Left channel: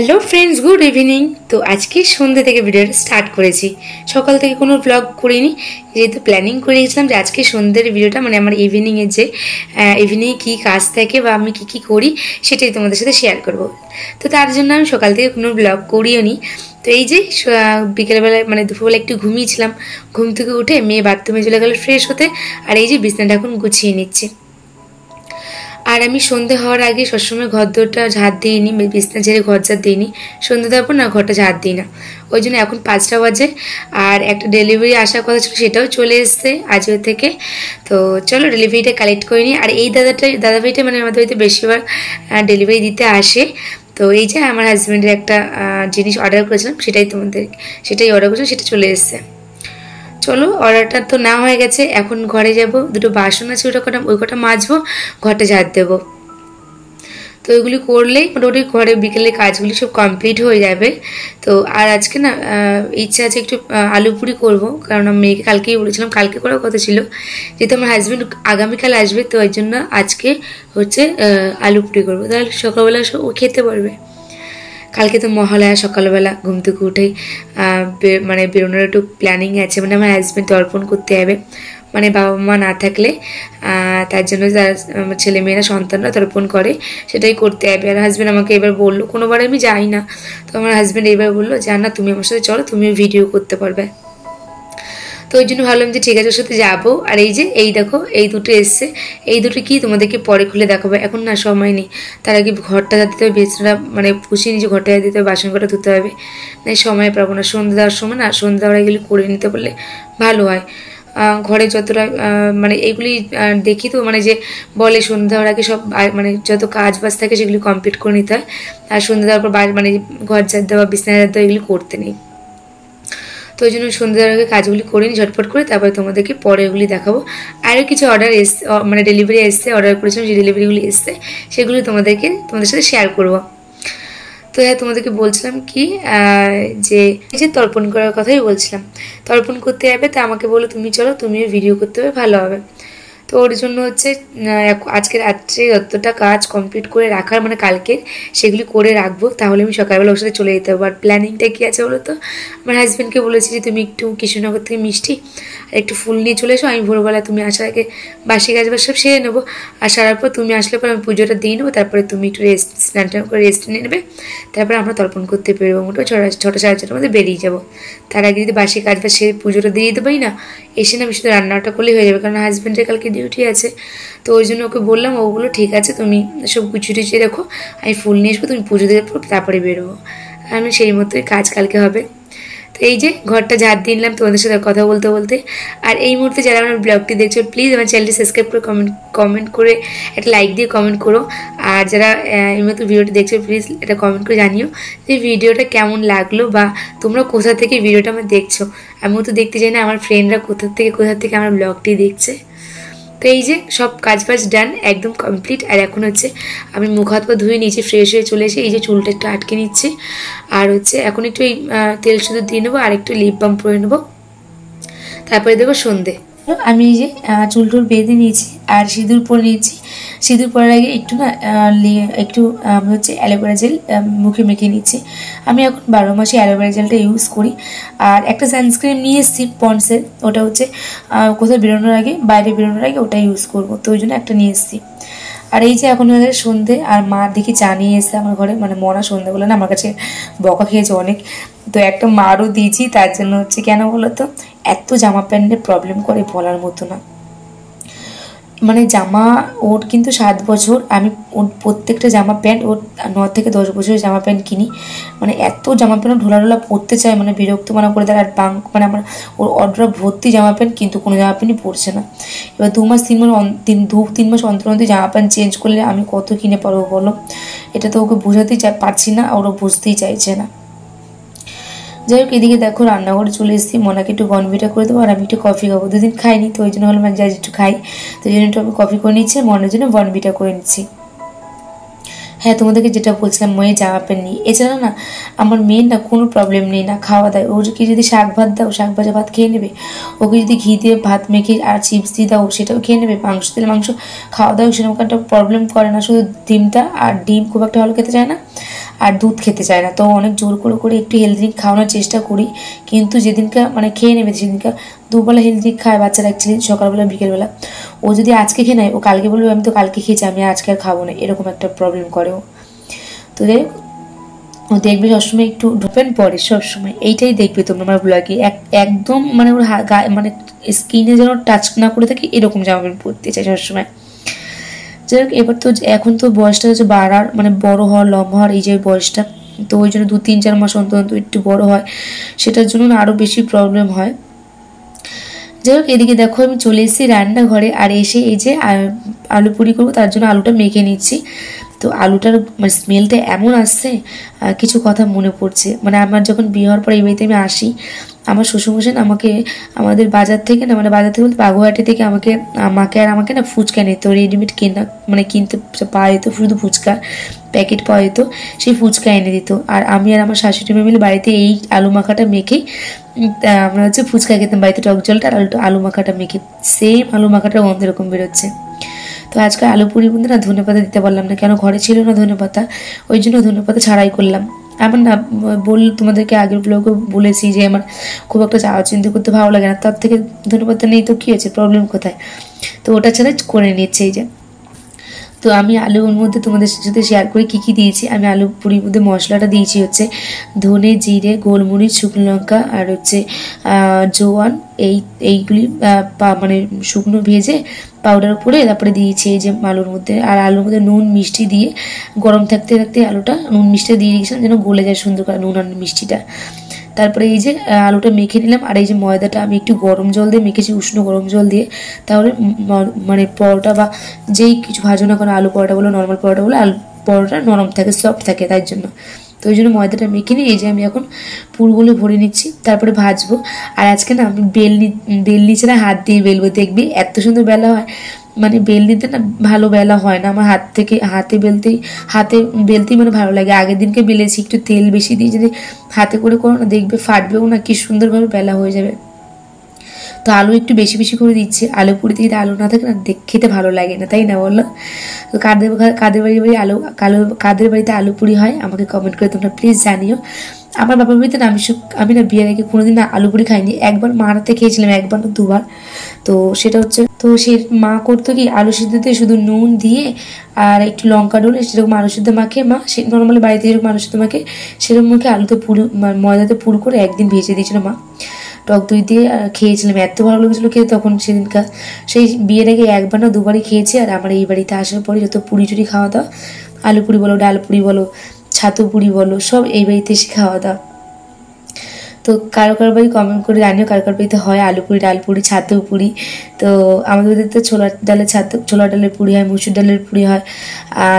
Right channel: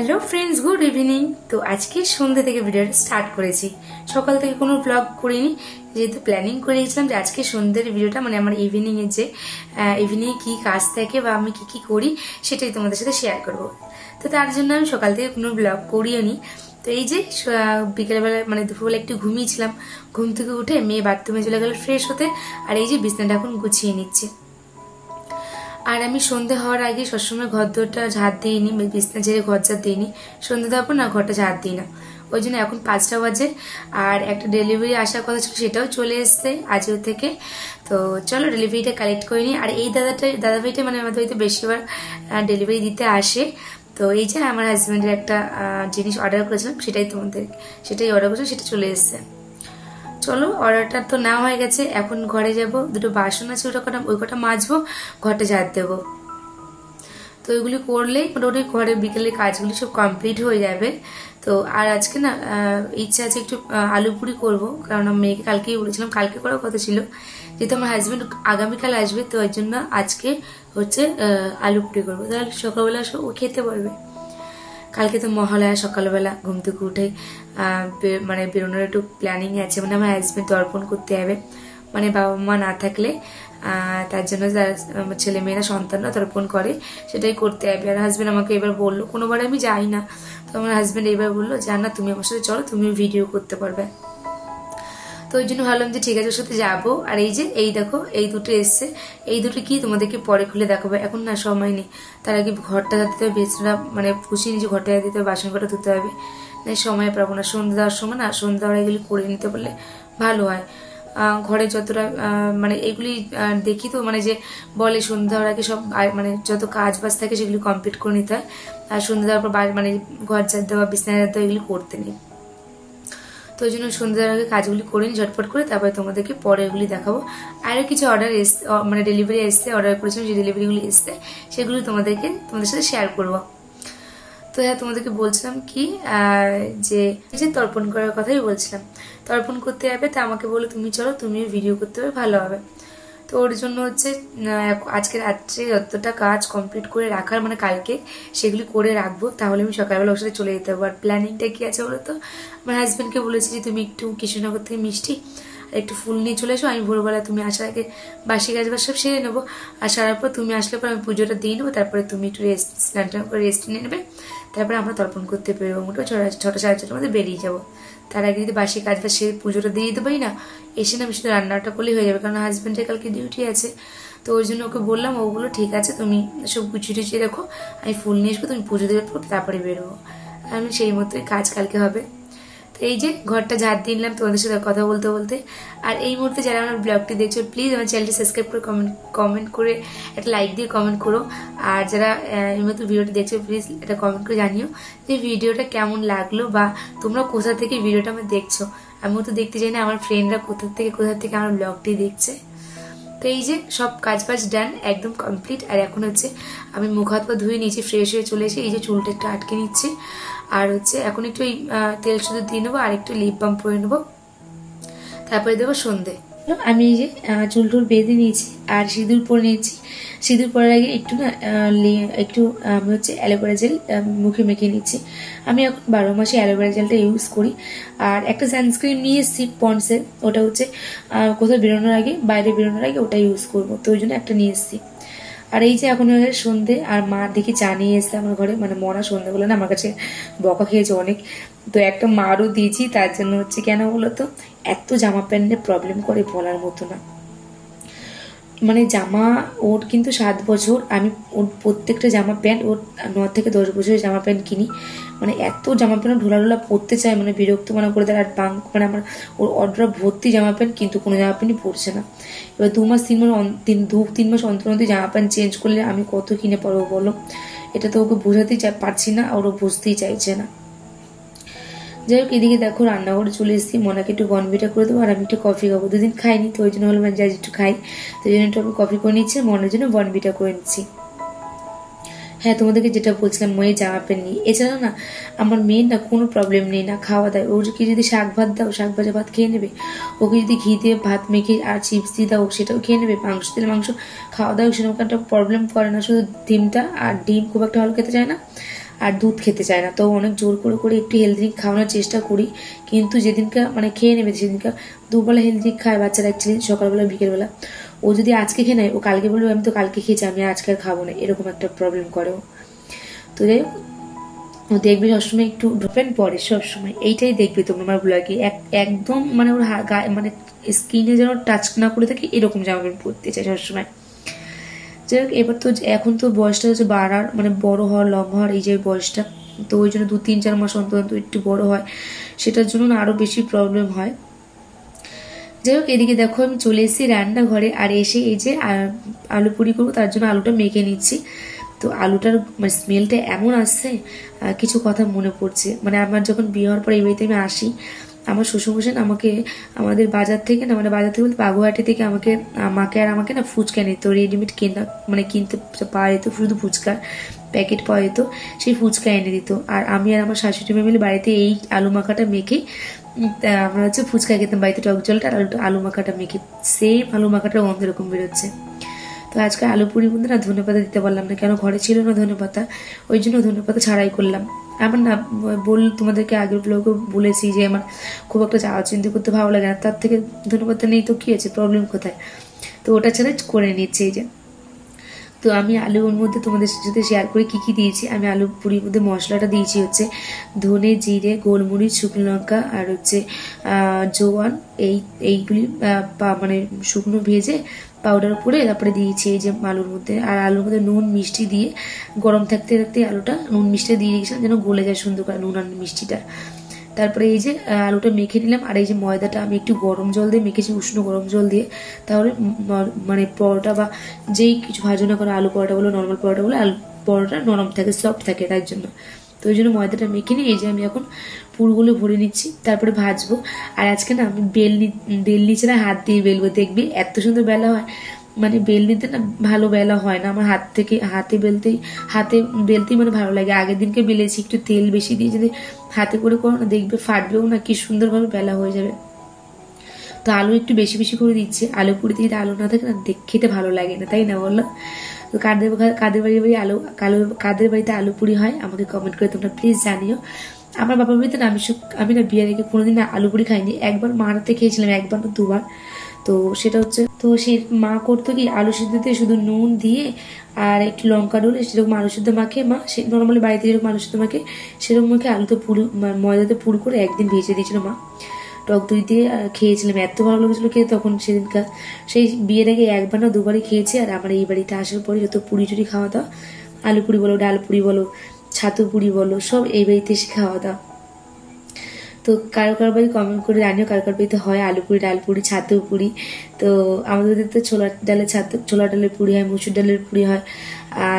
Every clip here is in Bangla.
Hello friends, good evening. তো আজকে সন্ধ্যে থেকে ভিডিওটা স্টার্ট করেছি। সকাল থেকে কোনো ব্লগ করিনি, যেহেতু প্ল্যানিং করেছিলাম যে আজকে সন্ধ্যের ভিডিওটা মানে আমার ইভিনিংয়ের যে ইভিনিংয়ে কী কাজ থাকে বা আমি কী কী করি সেটাই তোমাদের সাথে শেয়ার করব। তো তার জন্য আমি সকাল থেকে কোনো ব্লগ করিও নি। তো এই যে বিকেলবেলায় মানে দুপুরবেলা একটু ঘুমিয়েছিলাম, ঘুম থেকে উঠে মেয়ে বাথরুমে চলে গেল ফ্রেশ হতে, আর এই যে বিছানাটা এখন গুছিয়ে নিচ্ছি। আর আমি সন্ধে হওয়ার আগে সবসময় ঘর দোরটা ঝাড় দিইনি, বিছনা ঝেড়ে ঘর ঝাড় দিইনি, সন্ধ্যে দেওয়ার পর না ঘরটা ঝাড় দিই না। ওই জন্য এখন 5টা বাজে, আর একটা ডেলিভারি আসার কথা ছিল, সেটাও চলে এসছে আজও থেকে। তো চলো ডেলিভারিটা কালেক্ট করে নিই। আর এই দাদাভাইটা মানে আমাদের বাড়িতে বেশিরভাগ ডেলিভারি দিতে আসে। তো এই যে আমার হাজব্যান্ডের একটা জিনিস অর্ডার করেছিলাম, সেটাই অর্ডার করেছিলাম, সেটা চলে এসছে। চলো, অর্ডারটা তো না হয়ে গেছে, এখন ঘরে যাব, দুটো বাসন আছে ওই কটা মাজবো, ঘরটা ঝাড় দেবো। তো ওইগুলি করলেই মোটামুটি ঘরে বিকেলে কাজগুলি সব কমপ্লিট হয়ে যাবে। তো আর আজকে না ইচ্ছা আছে একটু আলু পুরি করবো, কারণ আমি মেয়েকে কালকেই বলেছিলাম, কালকে করার কথা ছিল, যেহেতু আমার হাজব্যান্ড আগামীকাল আসবে, তো ওই জন্য আজকে হচ্ছে আলু পুরি করবো, তাহলে সকালবেলা ও খেতে পারবে। কালকে তো মহালয়া, সকালবেলা ঘুম থেকে উঠেই মানে বেরোনোর একটু প্ল্যানিং আছে, মানে আমার হাজব্যান্ড তর্পণ করতে হবে, মানে বাবা মা না থাকলে তার জন্য আমার ছেলেমেয়েরা সন্তানরা তর্পণ করে, সেটাই করতে হবে। আর হাজব্যান্ড আমাকে এবার বললো, কোনোবার আমি যাই না, তো আমার হাজব্যান্ড এবার বললো যে না, তুমি আমার সাথে চলো, তুমিও ভিডিও করতে পারবে। তো ওই জন্য ভাবলাম যে ঠিক আছে, ওর সাথে যাবো। আর এই যে এই দেখো, এই দুটো এসছে, এই দুটো কি তোমাদেরকে পরে খুলে দেখাবো, এখন না সময় নেই। তার আগে ঘরটা দিতে হবে, বেসনটা মানে পুষিয়ে নিচে ঘরটা দিতে হবে, বাসন কটা ধুতে হবে, না সময় পাবো না। সন্ধ্যে দেওয়ার সময় না, সন্ধ্যা দেওয়ার এগুলি করে নিতে পারলে ভালো হয়। ঘরে যতটা মানে এগুলি দেখি তো, মানে যে বলে সন্ধ্যা দেওয়ার আগে সব মানে যত কাজ বাজ থাকে সেগুলি কমপ্লিট করে নিতে হয়, আর সন্ধ্যা দেওয়ার পর মানে ঘর ঝাড় দেওয়া, বিছানা ঝাড় দেওয়া এগুলি করতে নেই। তো ওই জন্য সন্ধ্যার আগে কাজগুলি করে নিই ঝটপট করে, তারপরে তোমাদেরকে পরে এগুলি দেখাবো। আরও কিছু অর্ডার এসছে, মানে ডেলিভারি এসছে, অর্ডার করেছিলাম, যে ডেলিভারিগুলি এসছে সেগুলি তোমাদের সাথে শেয়ার করবো। তো হ্যাঁ, তোমাদেরকে বলছিলাম কি যে এই যে তর্পণ করার কথাই বলছিলাম, তর্পণ করতে যাবে, তা আমাকে বলো তুমি চলো, তুমিও ভিডিও করতে হবে, ভালো হবে। তো ওর জন্য হচ্ছে আজকে রাত্রে যতটা কাজ কমপ্লিট করে রাখার মানে কালকে সেগুলি করে রাখবো, তাহলে আমি সকালবেলা ওর সাথে চলে যেতে পারবো। আর প্ল্যানিংটা কী আছে বলো তো, আমার হাজব্যান্ডকে বলেছি যে তুমি একটু কৃষ্ণনগর থেকে মিষ্টি আর একটু ফুল নিয়ে চলে এসো, আমি ভোরবেলা তুমি আসার আগে বাসি কাজ সব সেরে নেবো, আর সারার পর তুমি আসলে পর আমি পুজোটা দিয়ে নেবো, তারপরে তুমি একটু স্নান টান করে রেস্ট নিয়ে নেবে, তারপরে আমরা তর্পণ করতে বেরোবো, মোটামুটি 6টা সাড়ে 6টার মধ্যে বেরিয়ে যাবো। তার আগে যদি বাসি কাজ বা সে পুজোটা দিয়ে দিতে পারি না, এসে না আমি শুধু রান্নাটা করলেই হয়ে যাবে, কারণ হাজব্যান্ডের কালকে ডিউটি আছে। তো ওই জন্য ওকে বললাম, ও বললো ঠিক আছে, তুমি সব গুছিয়ে টুচিয়ে রাখো, আমি ফুল নিয়ে আসবো, তুমি পুজো দিয়ে তারপরে বেরোবো। আমি সেই মতোই কাজ কালকে হবে। তো এই যে ঘরটা ঝাড় দিয়ে নিলাম তোমাদের সাথে কথা বলতে বলতে। আর এই মুহূর্তে যারা আমার ব্লগটি দেখছো, প্লিজ আমার চ্যানেলটি সাবস্ক্রাইব করে কমেন্ট করে একটা লাইক দিয়ে কমেন্ট করো। আর যারা এই মতো ভিডিওটি দেখছো, প্লিজ এটা কমেন্ট করে জানিও যে ভিডিওটা কেমন লাগলো, বা তোমরা কোথা থেকে ভিডিওটা আমার দেখছো। আমিও তো দেখতে চাই না আমার ফ্রেন্ডরা কোথা থেকে আমার ব্লগটি দেখছে। তো এই যে সব কাজ বাজ ডান, একদম কমপ্লিট। আর এখন হচ্ছে আমি মুখ হাত পা ধুয়ে নিয়েছি, ফ্রেশ হয়ে চলে এসে এই যে চুলটা একটু আটকে নিচ্ছি, আর হচ্ছে এখন একটু এই তেল শুধু দিয়ে নেবো, আর একটু লিপ বাম পরে নেবো, তারপরে দেবো সন্ধে। আমি এই যে চুল টুল বেঁধে নিয়েছি আর সিঁদুর পরে নিয়েছি। সিঁদুর পরার আগে একটু না একটু আমি হচ্ছে অ্যালোভেরা জেল মুখে মেখে নিচ্ছি। আমি এখন 12 মাসে অ্যালোভেরা জেলটা ইউজ করি। আর একটা সানস্ক্রিন নিয়ে এসেছি পন্ডসের, ওটা হচ্ছে কোথাও বেরোনোর আগে, বাইরে বেরোনোর আগে ওটা ইউজ করবো, তো ওই জন্য একটা নিয়ে এসেছি। আর এই যে এখন হয়ে সন্ধে, আর মা দেখি চা নিয়ে এসছে আমার ঘরে, মানে মনা সন্ধ্যাবেলা না আমার কাছে বকা খেয়েছে অনেক, তো একটা মারও দিয়েছি। তার জন্য হচ্ছে কেন বলো তো, এত জামা প্যান্টের প্রবলেম করে বলার মতো না। মানে জামা ওর কিন্তু 7 বছর, আমি ওর প্রত্যেকটা জামা প্যান্ট ওর 9 থেকে 10 বছরের জামা প্যান্ট কিনি, মানে এত জামা প্যান্ট ঢোলা পরতে চায়, মানে বিরক্ত মানা করে দেয়। আর মানে আমার ওর অর্ডার ভর্তি জামা প্যান্ট, কিন্তু কোনো জামা প্যান্টই পরছে না। এবার 2 মাস 3 মাস অন্তর অন্তর জামা প্যান্ট চেঞ্জ করলে আমি কত কিনে পারবো বলো, এটা তো ওকে বোঝাতেই পারছি না, ওরা বুঝতেই চাইছে না। যাই হোক, এদিকে দেখো রান্নাঘরে চলে এসেছি, মনাকে একটু বনভিটা করে দেবো, আর আমি একটু কফি খাবো, 2 দিন খাইনি, তো ওই জন্য হলো যাই একটু খাই, তো ওই জন্য একটু আমি কফি করে নিচ্ছি, মনের জন্য বনভিটা করে নিচ্ছি। হ্যাঁ, তোমাদেরকে যেটা বলছিলাম, মেয়ের জামা প্যান্ট নিয়ে, এছাড়া না আমার মেয়ের না কোনো প্রবলেম নেই না খাওয়া দাওয়া। ওকে যদি শাক ভাত দাও, শাক ভাজা ভাত খেয়ে নেবে, ওকে যদি ঘি দিয়ে ভাত মেখে আর চিপস দিয়ে দাও, সেটাও খেয়ে নেবে, মাংস দিলে মাংস খাওয়া দাওয়া সেরকম একটা প্রবলেম করে না, শুধু ডিমটা, আর ডিম খুব একটা ভালো খেতে চায় না, আর দুধ খেতে চায় না। তো অনেক জোর করে করে একটু হেলদি ড্রিঙ্ক খাওয়ানোর চেষ্টা করি, কিন্তু যেদিনকে মানে খেয়ে নেবে সেদিনকে দুবেলা হেলদি ড্রিঙ্ক খায় বাচ্চারা অ্যাকচুয়ালি, সকালবেলা বিকেলবেলা। ও যদি আজকে খেয়ে নেয় ও কালকে বলবে আমি তো কালকে খেয়েছি, আমি আজকে আর খাবো না, এরকম একটা প্রবলেম করে ও। তো যাই হোক, ও দেখবে সবসময় একটু ঢোপেন পরে, সবসময় এইটাই দেখবে তোমরা আমার ব্লগে, একদম মানে ওর মানে স্কিনে যেন টাচ না করে থাকে এরকম জামা প্যান্ট পরতে চাই সবসময়। যাই হোক, এবার তো এখন তো বয়সটা হচ্ছে বাড়ার মানে বড় হওয়ার, লম্বা হওয়ার এই যে বয়সটা, তো ওই জন্য 2-3-4 মাস অন্তর অন্তর একটু বড় হয়, সেটার জন্য আরও বেশি প্রবলেম হয়। যাই হোক, এদিকে দেখো আমি চলে এসেছি রান্নাঘরে, আর এসে এই যে আলু পুরি করবো, তার জন্য আলুটা মেখে নিচ্ছি। তো আলুটার মানে স্মেলটা এমন আসছে, কিছু কথা মনে পড়ছে। মানে আমার যখন বিয়ে হওয়ার পর এই বাড়িতে আমি আসি, আমার শ্বশুরমশাই আমাকে আমাদের বাজার থেকে না, মানে বাজার থেকে বলতে বাগুহাটি থেকে আমাকে না ফুচকা নিত, রেডিমেড কেনা মানে কিনতে পাওয়া যেত, শুধু ফুচকা প্যাকেট পাওয়া যেত, সেই ফুচকা এনে দিত। আর আমি আর আমার শাশুড়ি মা মিলে বাড়িতে এই আলু মাখাটা মেখেই আমরা হচ্ছে ফুচকা খেতাম বাড়িতে, টক জলটা আর আলু মাখাটা মেখে, সেম আলু মাখাটা গন্ধ এরকম বেরোচ্ছে। তো আজকে আলু পুরি মধ্যে না ধনেপাতা দিতে পারলাম না, কেন ঘরে ছিল না ধনেপাতা, ওই জন্য ধনেপাতা ছাড়াই করলাম। আমার না তোমাদেরকে আগের ব্লগে বলেছি যে আমার খুব একটা চাওয়া চিন্তা করতে ভালো লাগে না, তার থেকে ধনেপাতা নেই তো কী হয়েছে, প্রবলেম কোথায়। তো ওটা ছাড়া করে নিচ্ছে এই যে। তো আমি আলুর মধ্যে তোমাদের সাথে শেয়ার করি কী কী দিয়েছি। আমি আলু পুরির মধ্যে মশলাটা দিয়েছি হচ্ছে ধনে, জিরে, গোলমরিচ, শুকনো লঙ্কা আর হচ্ছে জোয়ান, এইগুলি মানে শুকনো ভেজে পাউডার করে তারপরে দিয়েছি এই যে আলুর মধ্যে। আর আলুর মধ্যে নুন মিষ্টি দিয়ে গরম থাকতে থাকতে আলুটা নুন মিষ্টি দিয়ে রেখেছিলাম যেন গলে যায় সুন্দর করে নুন আর মিষ্টিটা। তারপরে এই যে আলুটা মেখে নিলাম, আর এই যে ময়দাটা আমি একটু গরম জল দিয়ে মেখেছি, উষ্ণ গরম জল দিয়ে, তাহলে মানে পরোটা বা যেই কিছু ভাজো না কোনো, আলু পরোটা বলো নর্মাল পরোটা বলো, আলু পরোটা নরম থাকে, সফট থাকে, তাই জন্য। তো ওই জন্য ময়দাটা মেখে নিই, এই যে আমি এখন পুরগুলো ভরে নিচ্ছি, তারপরে ভাজবো। আর আজকে না আমি বেলনি ছাড়া হাত দিয়ে বেলবো, দেখবি এত সুন্দর বেলা হয়, মানে বেলনিতে না ভালো বেলা হয় না আমার, হাতে বেলতেই মানে ভালো লাগে। আগের দিনকে বেলেছি, একটু তেল বেশি দিয়ে যদি হাতে করে করো না দেখবে ফাটবেও না, কি সুন্দরভাবে বেলা হয়ে যাবে। তো আলু একটু বেশি বেশি করে দিচ্ছি, আলু পুরিতে যদি আলু না থাকে না খেতে ভালো লাগে না, তাই না বলো? তো কাদের বাড়িতে আলু পুরি হয় আমাকে কমেন্ট করে তোমরা প্লিজ জানিও। আমার বাবার বাড়িতে না আমি না বিয়ের আগে কোনোদিন না আলু পুরি খাইনি, একবার মার হাতে খেয়েছিলাম, একবার না দুবার। তো সেটা হচ্ছে, তো সে মা করতো কি আলু সিদ্ধতে শুধু নুন দিয়ে আর একটু লঙ্কা ডলে সেরকম আলু সিদ্ধ মাখে মা, সে নর্মালি বাড়িতে যেরকম আলু সিদ্ধ মাখে সেরকম মুখে আলুতে ময়দাতে পুর করে একদিন ভেজে দিয়েছিল মা, টক দই দিয়ে খেয়েছিলাম, এত ভালো লেগেছিলো খেতে তখন সেদিনকার। সেই বিয়ের আগে একবার না দুবারই খেয়েছি। আর আমার এই বাড়িতে আসার পরে যত পুরি টুরি খাওয়া দাওয়া, আলু পুরি বলো, ডাল পুরি বলো, ছাতু পুরি বলো, সব এই বাড়িতে এসে খাওয়া দাওয়া। তো কারো বাড়ি কমেন্ট করে জানিও কারো বাড়িতে হয় আলু পুরি, ডাল পুরি, ছাতু পুরি। তো আমাদের বাড়িতে তো ছোলার ডালের পুরি হয়, মুসুর ডালের পুরি হয়,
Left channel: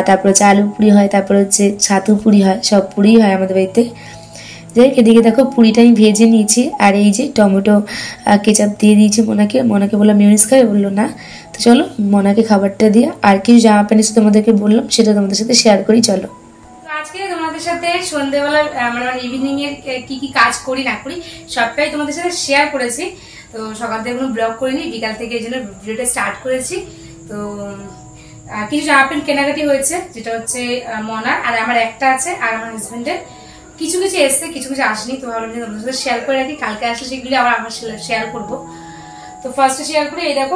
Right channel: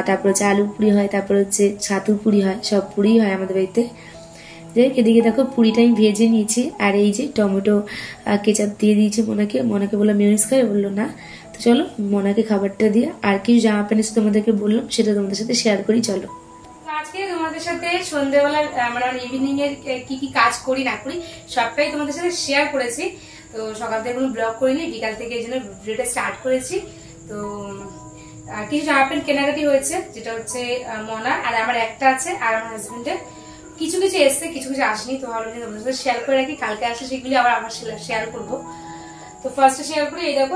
তারপর হচ্ছে আলু পুরি হয়, তারপর হচ্ছে ছাতু পুরি হয়, সব পুরি হয় আমাদের বাড়িতে। যাই হোক, এদিকে দেখো পুরিটা আমি ভেজে নিয়েছি, আর এই যে টমেটো কেচাপ দিয়ে দিয়েছি মনাকে বললাম মিউনিস খাবে, বললো না। তো চলো মনাকে খাবারটা দিয়ে আর কিছু জামা প্যান্ট তোমাদেরকে বললাম সেটা তোমাদের সাথে শেয়ার করি, চলো। আজকে তোমাদের সাথে সন্ধ্যেবেলা মানে ইভিনিং এর কি কি কাজ করি না করি সবটাই তোমাদের সাথে শেয়ার করেছি। তো সকাল থেকে কোনো ব্লগ করিনি, বিকাল থেকে এই জন্য ভিডিওটা স্টার্ট করেছি। তো কিছু জামা প্যান্ট কেনাকাটি হয়েছে, যেটা হচ্ছে মনার, আর আমার একটা আছে, আর আমার হাজবেন্ডের কিছু কিছু এসছে, কিছু কিছু আসেনি। তো ভাবলাম যে তোমাদের সাথে শেয়ার করে রাখি, কালকে আসলে সেগুলি আবার আমার শেয়ার করবো। তো ফার্স্টে শেয়ার করি, এই দেখো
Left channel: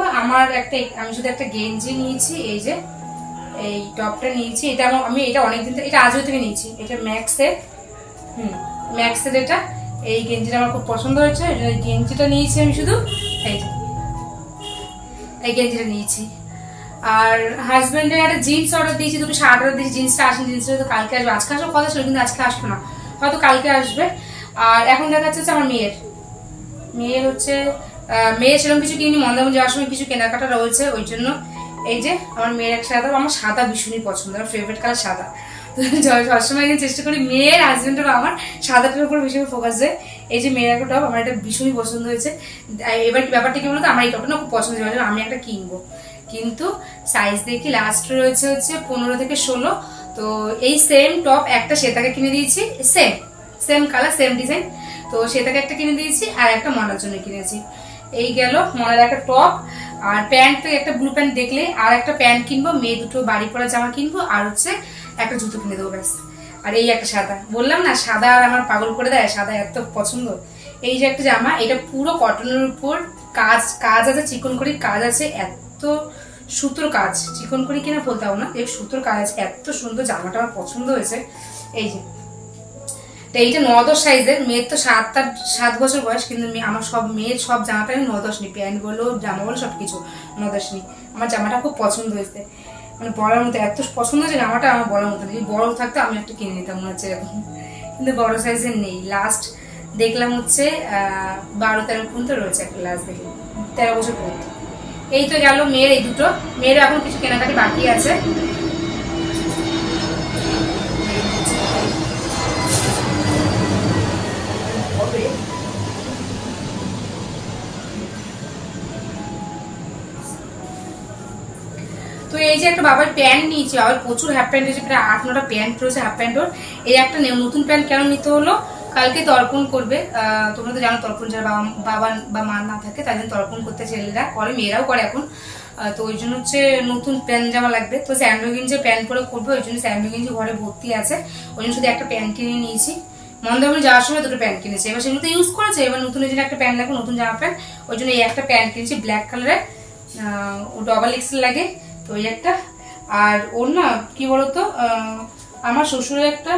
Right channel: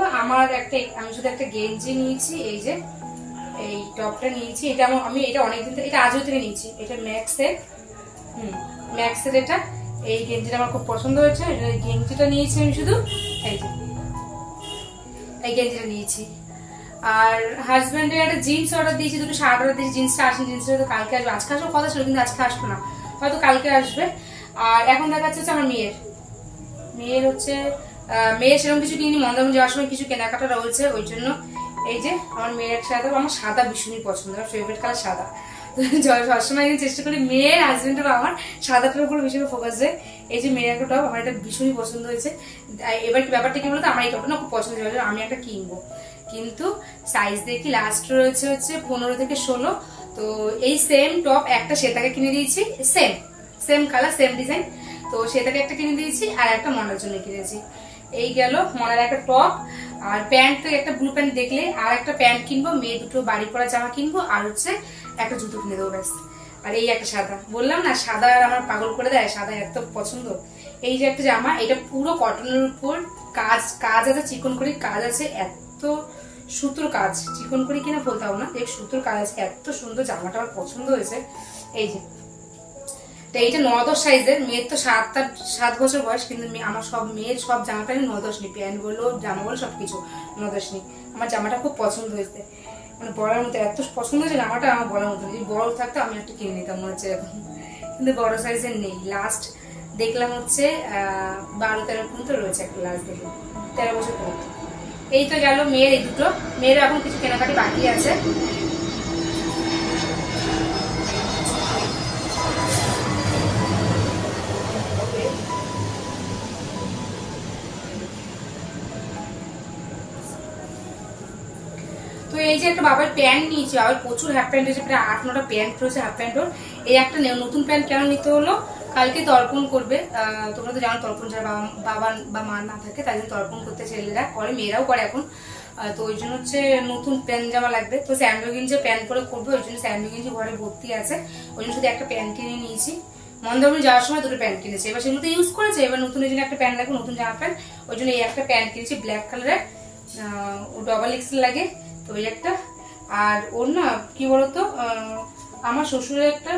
আমি শুধু একটা গেঞ্জি নিয়েছি, এই যে এই টপটা নিয়েছি, এটা আমি এটা অনেকদিন থেকে, এটা আজও থেকে নিয়েছি, এটা ম্যাক্সের এটা। এই গেঞ্জিটা আমার খুব পছন্দ হয়েছে, এই গেঞ্জিটা নিয়েছি আমি শুধু, এই গেঞ্জিটা নিয়েছি। আর হাজবেন্ডের একটা জিন্স অর্ডার দিয়েছি, দুটো শার্ট অর্ডার দিয়েছি, জিন্সটা আসেনি, জিন্সটা তো কালকে আসবে, আজকে আসার কথা ছিল কিন্তু আজকে আসলো না, হয়তো কালকে আসবে। আর এখন দেখা যাচ্ছে আমার মেয়ের হচ্ছে মেয়ের সেরকম কিছু কিনি, মন্দারমণি যাওয়ার সময় কিছু কেনাকাটা রয়েছে, ওই জন্য এই যে আমার মেয়ের এক সাদা, আমার সাদা ভীষণই পছন্দ, আমার ফেভারিট কালার সাদা। সবসময় চেষ্টা করি মেয়ের হাজবেন্ডের আমার সাদাটার উপরে ভীষণ ফোকাস দেয়। এই যে মেয়ের একটা টপ আমার এটা ভীষণই পছন্দ হয়েছে। এবার ব্যাপারটা কি বলতো, আমার এই টপটা না খুব পছন্দ হয়েছে, আমি একটা কিনবো, কিন্তু সাইজ দেখি লাস্ট রয়েছে হচ্ছে 15 থেকে 16। তো এই সেম টপ একটা শ্বেতাকে কিনে দিয়েছি, সেম কালার সেম ডিজাইন, তো শ্বেতাকে একটা কিনে দিয়েছি আর একটা মনার জন্য কিনেছি। এই গেল মনার একটা টপ। আর প্যান্ট তো একটা ব্লু প্যান্ট দেখলে আর একটা প্যান্ট কিনবো, মেয়ে দুটো বাড়ি পরা জামা কিনবো, আর হচ্ছে একটা জুতো কিনে দেবো ব্যাস। আর এই একটা সাদা, বললাম না সাদা আমার পাগল করে দেয়, সাদা এত পছন্দ। এই যে একটা জামা, এটা পুরো কটনের উপর কাজ কাজ আছে, চিকন করে কাজ আছে, এত সুতোর কাজ, চিকন করে কিনা বলতে হবে না, এই সুতোর কাজ আছে, এত সুন্দর। জামাটা আমার পছন্দ হয়েছে। এই যে এইটা 9-10 সাইজের, মেয়ের তো 7 বছর বয়স, কিন্তু আমার সব মেয়ের সব জামাটা আমি 9-10 নিই, প্যান্ট বলো জামা বলো সবকিছু 9-10 নিই। আমার জামাটা খুব পছন্দ হয়েছে, মানে বলার মতো এত পছন্দ হয়েছে জামাটা, আমার বলার মতো। যদি বড় থাকতো আমি একটা কিনে নিতাম মনে হচ্ছে এরকম, কিন্তু বড় সাইজের নেই। লাস্ট দেখলাম হচ্ছে 12-13 পর্যন্ত রয়েছে, একটা লাস্ট দেখলাম 13 বছর পর্যন্ত। এই তো গেল মেয়ের এই দুটো। মেয়ের এখন কিছু কেনাকাটি বাকি আছে। তো এই যে একটা বাবার প্যান্ট নিয়েছি, বাবার প্রচুর হাফ প্যান্ট রয়েছে, প্রায় 8-9টা প্যান্ট রয়েছে হাফ প্যান্টর। এই একটা নতুন প্যান্ট কেন নিতে হলো, কালকে তর্পণ করবে। তোমরা তো জানো তর্পণ যারা বাবা বা মা না থাকে তাদের তর্পণ করতে ছেলেরা করে, মেয়েরাও করে এখন। তো ওই জন্য হচ্ছে নতুন প্যান্ট জামা লাগবে। তো স্যান্ডো গেঞ্জি প্যান্ট করে করবে, ওই জন্য স্যান্ডো গেঞ্জি ঘরে ভর্তি আছে, ওই জন্য শুধু একটা প্যান্ট কিনে নিয়েছি। মন্দারমণি যাওয়ার সময় দুটো প্যান্ট কিনেছি, এবার সেগুলো তো ইউজ করেছে, এবার নতুন এই জন্য একটা প্যান্ট লাগবে, নতুন জামা প্যান্ট, ওই জন্য এই একটা প্যান্ট কিনেছি ব্ল্যাক কালারের, ডবল এক্সেল লাগে। তো এই একটা, আর ওর না কি বলতো, আমার শ্বশুরের একটা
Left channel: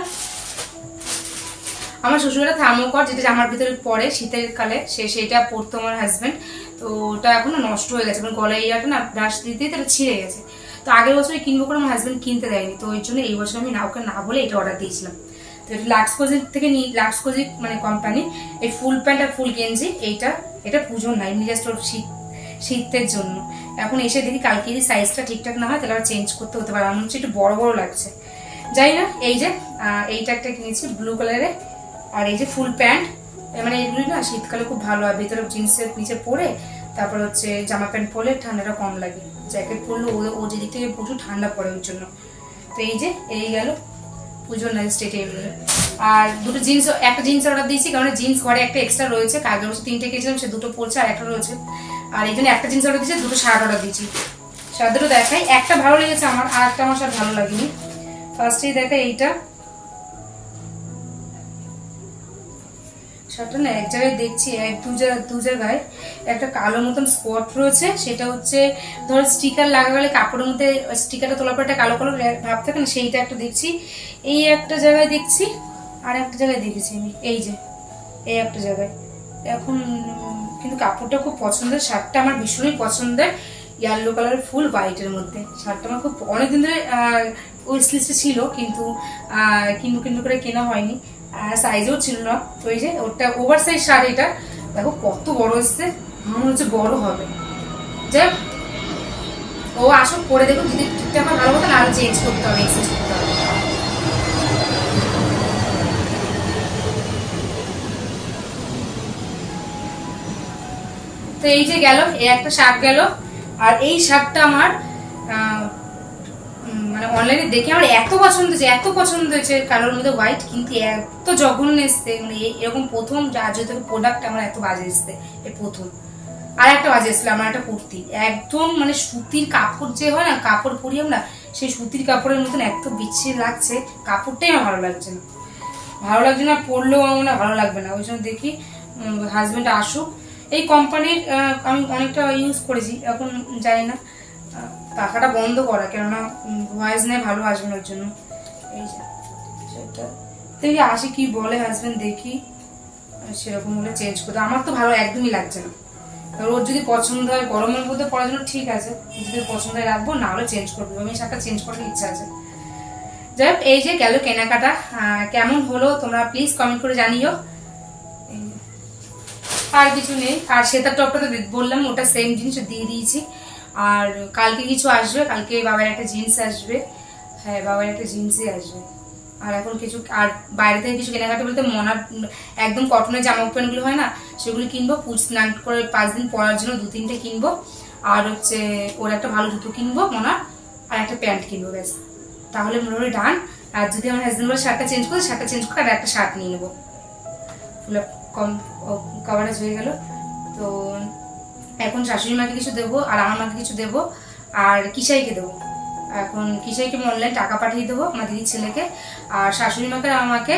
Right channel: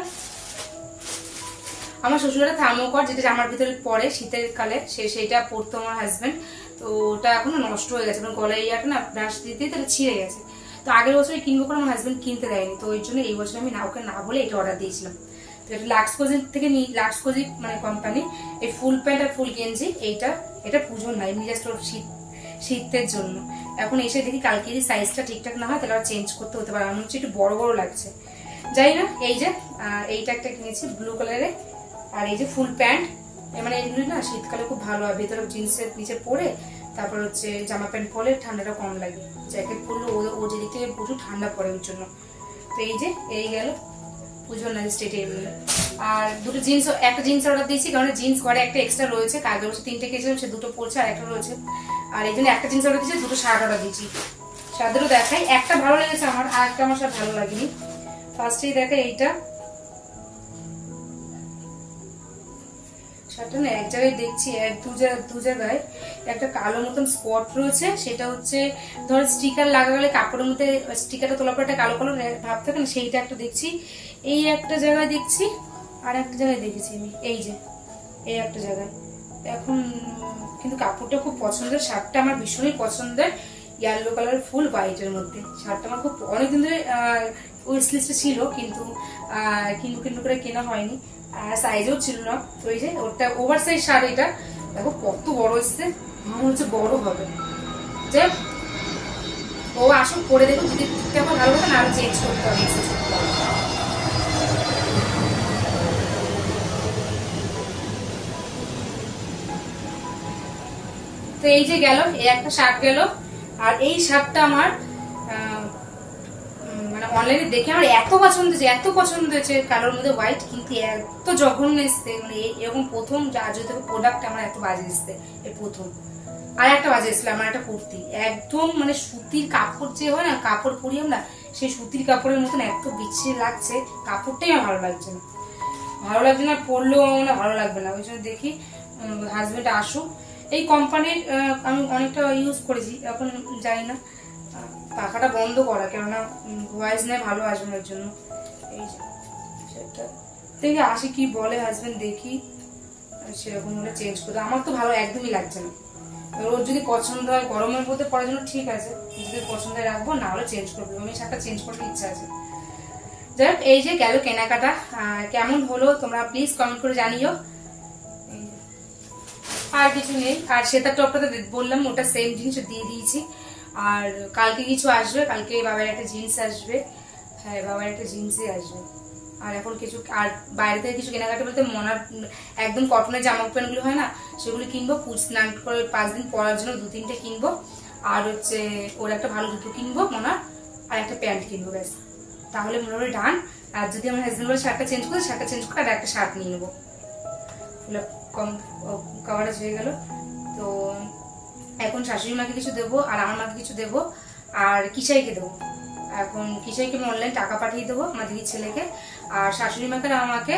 থার্মোকট, যেটা জামার ভিতরে পরে শীতের কালে, সেটা পরতো আমার হাজবেন্ড। তো ওটা এখন নষ্ট হয়ে গেছে, গলায় ইয়াটা না ব্রাশ দিতে তাহলে ছিঁড়ে গেছে। তো আগের বছর কিনবো করে আমার হাজবেন্ড কিনতে দেয়নি, তো ওই জন্য এই বছর আমি ওকে না বলে এটা অর্ডার দিয়েছিলাম। তো এটা লাক্স কোজিক থেকে নিই, লাক্স কোজিক মানে কোম্পানি। এই ফুল প্যান্ট আর ফুল গেঞ্জি, এটা পুজোর না, এমনি জাস্ট ওর শীতের জন্য। এখন এসে দেখি কালকে যদি সাইজটা ঠিকঠাক না হয় তাহলে আবার চেঞ্জ করতে হতে পারে, আমার হচ্ছে একটু বড় বড় লাগছে, যাই না। এই যে এইটা একটা কিনেছি ব্লু কালারে, আর এই যে ফুল প্যান্ট, মানে এগুলি না শীতকালে খুব ভালো হয়, ভেতরে জিন্সের নিচে পরে তারপর হচ্ছে জামা প্যান্ট পরলে ঠান্ডাটা কম লাগে, জ্যাকেট পরলে ও যেদিক থেকে প্রচুর ঠান্ডা পড়ে ওর জন্য। তো এই যে এই গেল পুজোর নাইট স্টেটে এগুলো। আর দুটো জিন্স, একটা জিন্স অর্ডার দিয়েছি, কারণ জিন্স ঘরে একটা এক্সট্রা রয়েছে, আগের বছর 3টে কিনেছিলাম, সে দুটো পড়ছে আর একটা রয়েছে। আর এই জন্য একটা জিন্স অর্ডার দিয়েছি, দুটো শার্ট অর্ডার দিয়েছি। শার্টগুলো দেখাই, একটা ভালো লেগেছে আমার, আর একটা আমার শার্ট ভালো লাগেনি। ফার্স্টেই দেখাই এইটা, শার্টটা না এক জায়গায় দেখছি দু জায়গায় একটা কালো মতন স্পট রয়েছে, সেটা হচ্ছে ধর স্টিকার লাগালে কাপড়ের মধ্যে স্টিকারটা তোলার পর একটা কালো কালো ভাব থাকে না, সেইটা একটা দেখছি। এই একটা জায়গায় দেখছি, আর একটা জায়গায় দেখেছি আমি, এই যে এই একটা জায়গায়। এখন কিন্তু কাপড়টা খুব পছন্দের, শার্টটা আমার ভীষণই পছন্দের, ইয়েলো কালারের ফুল হোয়াইটের মধ্যে। শার্টটা আমার খুব অনেকদিন ধরে উইশ লিস্টে ছিল, কিন্তু কিনবো করে কেনা হয়নি, আর সাইজও ছিল না। তো এই যে ওটা ওভার সাইজ শার্ট, এটা দেখো কত বড় এসছে, মনে হচ্ছে বড় হবে। যাই ও আসুক পরে দেখো, যদি ঠিকঠাক ভালো কথা না, আরো চেঞ্জ করতে হবে, এক্সচেঞ্জ করতে হবে। তো এই যে গেল, এই একটা শার্ট গেল। আর এই শার্টটা আমার মানে অনলাইনে দেখে আমার এত পছন্দ হয়েছে কালোর মধ্যে হোয়াইট, কিন্তু এত জঘন্য এসছে, মানে এরকম প্রথম যদি প্রোডাক্ট আমার এত বাজে এসছে, এই প্রথম। আর একটা বাজে এসছিল আমার একটা কুর্তি, একদম মানে সুতির কাপড় যে হয় না, কাপড় পরি আমরা, সেই সুতির কাপড়ের মতন এত বিচ্ছিরি লাগছে, কাপড়টাই আমার ভালো লাগছে না, পরলেও মানে ভালো লাগবে না। ওই জন্য দেখি হাজবেন্ড আসুক। এই কোম্পানির আমি অনেকটা ইউজ করেছি, এখন জানি না টাকাটা বন্ধ করা, কেননা ভয়েস নেই ভালো আসবে না, ওর জন্য। এই যে সেটা দেখি আসি কি বলে হাজবেন্ড, দেখি সেরকম হলে চেঞ্জ করতে। আমার তো ভালো একদমই লাগছে না, ওর যদি পছন্দ হয় গরমের মধ্যে পড়ার জন্য ঠিক আছে, যদি পছন্দ হয় রাখবো, না হলে চেঞ্জ করবো, আমি শার্টটা চেঞ্জ করার ইচ্ছা আছে। যাই হোক, এই যে গেল কেনাকাটা, কেমন হলো তোমরা প্লিজ কমেন্ট করে জানিও। আর কিছু নেই, আর সেটার টপটা তো বললাম ওটা সেম জিনিস দিয়ে দিয়েছি। আর কালকে কিছু আসবে, কালকে বাবার একটা জিন্স আসবে, হ্যাঁ বাবার একটা জিন্সই আসবে। আর এখন কিছু, আর বাইরে থেকে কিছু কেনাকাটা বলতে মনার একদম কটনের জামা প্যান্ট গুলো হয় না, সেগুলো কিনবো, স্নান করে 5 দিন পরার জন্য 2-3টে কিনবো। আর হচ্ছে ওর একটা ভালো জুতো কিনবো মনার, আর একটা প্যান্ট কিনবো, ব্যাস তাহলে মোটামুটি ডান। আর যদি আমার হাজবেন্ড বলে শার্টটা চেঞ্জ করে, শার্টটা চেঞ্জ করে আর একটা শার্ট নিয়ে নেবো, কম কভারেজ হয়ে গেল। তো এখন শাশুড়ি মাকে কিছু দেবো, আর আমার মাকে কিছু দেবো, আর কিসাইকে দেবো, এখন কিসেকে অনলাইন টাকা পাঠিয়ে দেবো আমার দিদির ছেলেকে। আর শাশুড়ি মাকে আমাকে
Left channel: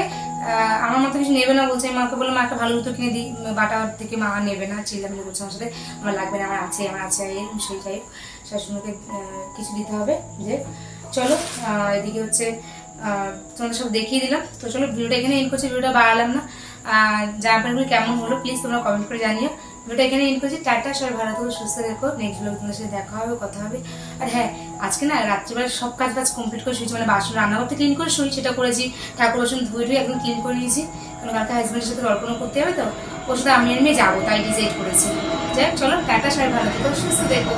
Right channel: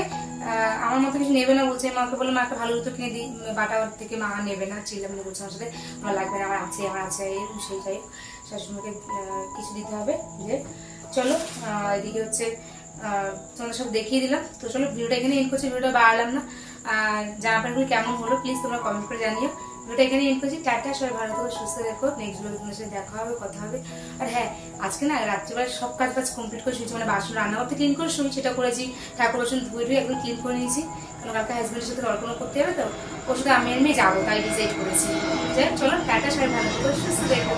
আমার মতো কিছু নেবে না বলছে, মাকে বললাম মা একটা ভালো জুতো কিনে দিই, বাটার থেকে মা নেবে না, চিল্লামিল্লি বলছে আমার সাথে, আমার লাগবে না, আমার আছে এরকম সেই যাই। শাশুড়ি মাকে কিছু দিতে হবে। যে চলো এদিকে হচ্ছে তোমাদের সব দেখিয়ে দিলাম। তো চলো ভিডিওটা এখানে এন্ড করছি, ভিডিওটা বাড়ালাম না। জামা প্যান্টগুলো কেমন হলো প্লিজ তোমরা কমেন্ট করে জানিও। ভিডিওটা এখানে এন্ড করছি, টাটা, সবাই ভালো থাকো, সুস্থ রেখো। নেক্সট ব্লগে তোমাদের সাথে দেখা হবে, কথা হবে। আর হ্যাঁ, আজকে না রাত্রিবেলা সব কাজ কমপ্লিট করে শুয়েছি, মানে বাসন রান্নাঘরটা ক্লিন করে শুই, সেটা করেছি। ঠাকুর বাসন ধুয়ে এখন ক্লিন করে নিয়েছি, কারণ কালকে হাজব্যান্ডের সাথে গল্প করতে হবে, তো ওর সাথে আমি যাবো, তাই ডিসাইড করেছি। যাই চলো টাটা, সবাই ভালো থাকো, সুস্থ থেকো।